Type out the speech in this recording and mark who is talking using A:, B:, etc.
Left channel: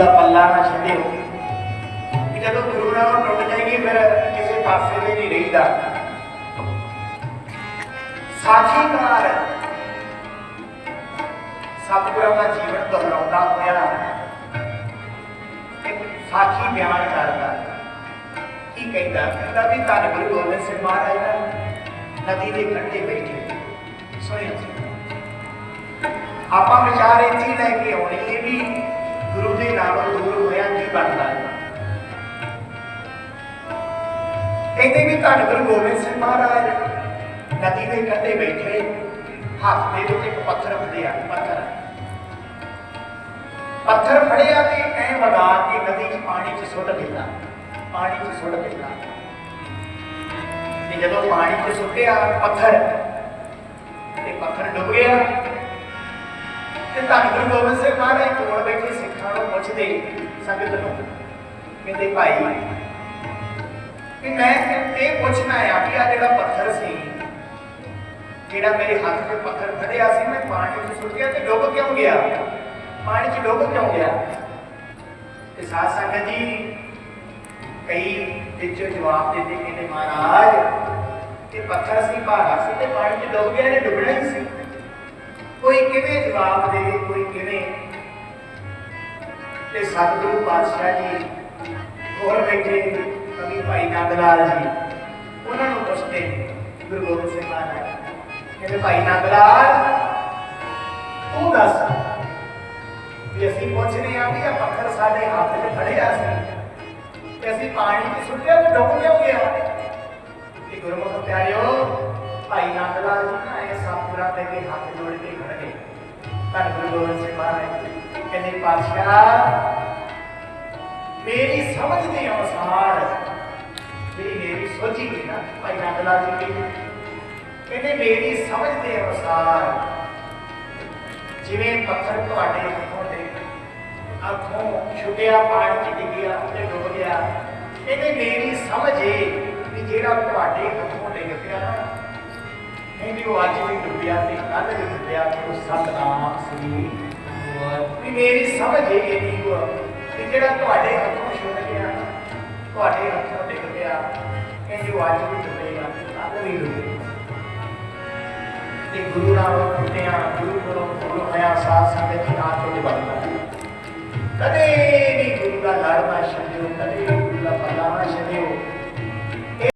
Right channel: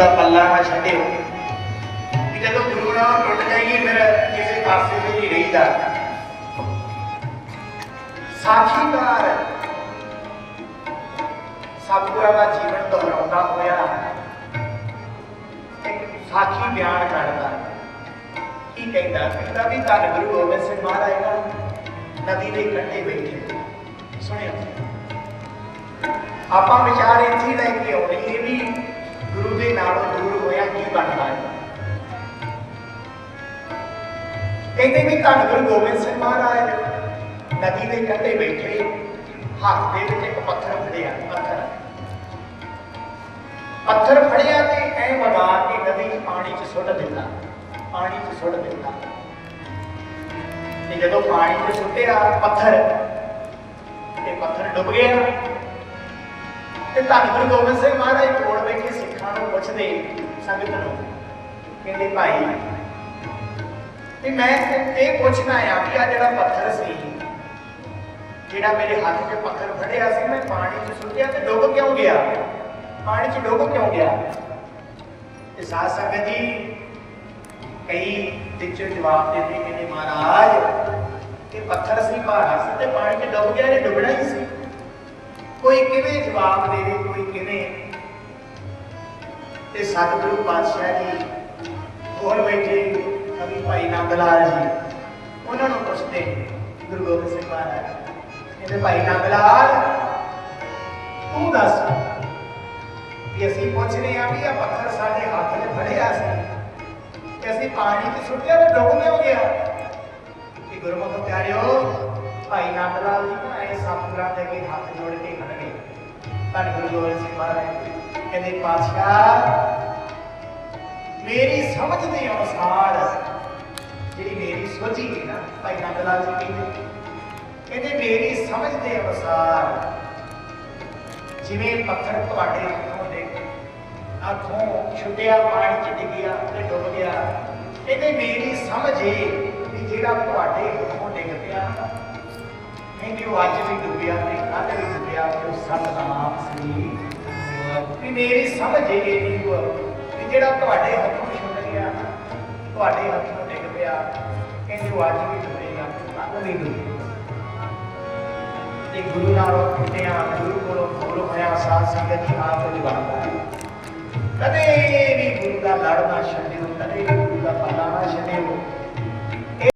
A: ਦਾ ਪੱਲਾ ਨਾ ਛੱਡਿਓ ਕਿ ਜਦੋਂ ਗੁਰੂ ਨਾਲ ਟੁੱਟ ਜਾਈਏ ਫਿਰ ਕਿਸੇ ਪਾਸੇ ਤੇ ਨਹੀਂ ਰਹੀਦਾ ਸਾਖੀਕਾਰ ਸਤਿਗੁਰਾਂ ਦਾ ਜੀਵਨ ਦੁਹਰਾਉਂਦਾ ਹੋਇਆ ਇੱਕ ਸਾਖੀ ਬਿਆਨ ਕਰਦਾ ਕੀ ਕਹਿੰਦਾ ਕਹਿੰਦਾ ਵੀ ਧੰਨ ਗੁਰੂ ਗੋਬਿੰਦ ਸਿੰਘ ਮਹਾਰਾਜ ਨਾ ਨਦੀ ਦੇ ਕੰਢੇ ਬੈਠੇ ਸੁਣਿਆ ਆਪਾਂ ਵਿਚਾਰ ਇੱਥੇ ਹੀ ਲੈ ਕੇ ਆਉਣੇ ਇਹ ਵੀ ਗੁਰੂ ਦੇ ਨਾਲੋਂ ਦੂਰ ਹੋਇਆ ਕੀ ਬਣਦਾ ਹੈ? ਕਹਿੰਦੇ ਵੀ ਧੰਨ ਗੁਰੂ ਗੋਬਿੰਦ ਸਿੰਘ ਮਹਾਰਾਜ ਨਦੀ ਦੇ ਕੰਢੇ ਬੈਠੇ, ਹੱਥ ਦੇ ਵਿੱਚ ਇੱਕ ਪੱਥਰ ਫੜਿਆ, ਪੱਥਰ। ਪੱਥਰ ਫੜਿਆ ਤੇ ਐ ਵਗਾ ਕੇ ਨਦੀ ਪਾਣੀ ਚ ਸੁੱਟ ਦਿੱਤਾ, ਪਾਣੀ ਚ ਸੁੱਟ ਦਿੱਤਾ। ਤੇ ਜਦੋਂ ਪਾਣੀ ਚ ਸੁੱਟਿਆ ਪੱਥਰ, ਤੇ ਪੱਥਰ ਡੁੱਬ ਗਿਆ। ਤੇ ਧੰਨ ਗੁਰੂ ਗੋਬਿੰਦ ਸਿੰਘ ਮਹਾਰਾਜ ਕੋਲ ਬੈਠੇ ਸਿੱਖਾਂ ਨੂੰ ਪੁੱਛਦੇ, ਸੰਗਤ ਨੂੰ ਕਹਿੰਦੇ, ਭਾਈ, ਵੀ ਮੈਂ ਇਹ ਪੁੱਛਣਾ ਆ ਕਿ ਆ ਜਿਹੜਾ ਪੱਥਰ ਸੀ, ਜਿਹੜਾ ਮੇਰੇ ਹੱਥ 'ਚ ਪੱਥਰ ਫੜਿਆ ਸੀ, ਮੈਂ ਪਾਣੀ 'ਚ ਸੁੱਟਿਆ ਤੇ ਡੁੱਬ ਕਿਉਂ ਗਿਆ? ਪਾਣੀ 'ਚ ਡੁੱਬ ਕਿਉਂ ਗਿਆ? ਤੇ ਸਾਧ ਸੰਗਤ ਜੀ ਕਈ ਵਿੱਚੋਂ ਜਵਾਬ ਦਿੰਦੇ, ਕਹਿੰਦੇ, ਮਹਾਰਾਜ ਤੇ ਪੱਥਰ ਸੀ ਭਾਰਾ ਸੀ ਤੇ ਪਾਣੀ 'ਚ ਡੁੱਬ ਗਿਆ, ਇਹ ਡੁੱਬਣਾ ਹੀ ਸੀ। ਕਿਵੇਂ ਜਵਾਬ ਦੇਵੇ ਕੋਈ ਕਿਵੇਂ? ਤੇ ਸਤਿਗੁਰੂ ਪਾਤਸ਼ਾਹ ਜੀ ਹੋਰ ਬੈਠੇ ਕਵੀ ਭਾਈ ਨੰਦ ਲਾਲ ਜੀ, ਉਹਨਾਂ ਨੂੰ ਪੁੱਛਦੇ ਨੇ, ਗੁਰੂ ਗੋਬਿੰਦ ਸਿੰਘ ਮਹਾਰਾਜ, ਕਹਿੰਦੇ ਭਾਈ ਨੰਦ ਲਾਲ ਤੂੰ ਦੱਸ ਵੀ ਅਸੀਂ ਪੁੱਛ ਰਹੇ ਹਾਂ ਕਿ ਇਹ ਪੱਥਰ ਸਾਡੇ ਹੱਥ 'ਚ ਫੜਿਆ ਸੀ ਤੇ ਅਸੀਂ ਪਾਣੀ 'ਚ ਸੁੱਟਿਆ ਤੇ ਡੁੱਬ ਕਿਉਂ ਗਿਆ? ਕਿ ਗੁਰਮੁਖ ਪਿਆਰਿਓ ਭਾਈ ਨੰਦ ਲਾਲ ਜੀ ਨਾ ਇਹ ਸਤਿਗੁਰਾਂ ਦੇ ਅੱਗੇ ਹੱਥ ਜੋੜ ਕੇ ਖੜੇ ਧੰਨ ਗੁਰੂ ਗੋਬਿੰਦ ਸਿੰਘ ਮਹਾਰਾਜ ਕਹਿੰਦੇ, ਪਾਤਸ਼ਾਹ, ਮੇਰੀ ਸਮਝ ਦੇ ਅਨੁਸਾਰ ਜਿਹੜੀ ਮੇਰੀ ਸੋਚੀ ਹੈ ਨਾ, ਭਾਈ ਨੰਦ ਲਾਲ ਜੀ ਕਹਿੰਦੇ ਕਹਿੰਦੇ, ਮੇਰੀ ਸਮਝ ਦੇ ਅਨੁਸਾਰ ਜਿਵੇਂ ਪੱਥਰ ਤੁਹਾਡੇ ਹੱਥੋਂ ਦੇ ਅੱਖੋਂ ਛੁੱਟਿਆ, ਪਾਣੀ ਚ ਡਿੱਗਿਆ ਤੇ ਡੁੱਬ ਗਿਆ ਇਹਨੇ ਮੇਰੀ ਸਮਝ ਏ ਵੀ ਜਿਹੜਾ ਤੁਹਾਡੇ ਹੱਥੋਂ ਡਿੱਗ ਪਿਆ। ਨਾ ਕਹਿੰਦੀ ਉਹ ਡੁੱਬਿਆ ਤੇ ਕੱਲ ਵੀ ਡੁੱਬਿਆ ਉਹ ਸਤਨਾਮ ਸ੍ਰੀ ਵੀ ਮੇਰੀ ਸਮਝ ਏ ਇਹ ਉਹ ਕਿ ਜਿਹੜਾ ਤੁਹਾਡੇ ਹੱਥੋਂ ਛੁੱਟ ਗਿਆ ਤੁਹਾਡੇ ਹੱਥੋਂ ਡਿੱਗ ਪਿਆ ਕਹਿੰਦੀ ਉਹ ਅੱਜ ਡੁੱਬੇਗਾ ਕੱਲ ਵੀ ਡੁੱਬੇਗਾ ਤੇ ਗੁਰੂ ਨਾਲ ਟੁੱਟਿਆ ਗੁਰੂ ਕੋਲੋਂ ਫੁੱਲ ਹੋਇਆ ਸਾਧ ਸੰਗਤ ਦੀ ਆਪ ਵਿੱਚ ਕਦੇ ਵੀ ਗੁਰੂ ਦਾ ਲੜਨਾ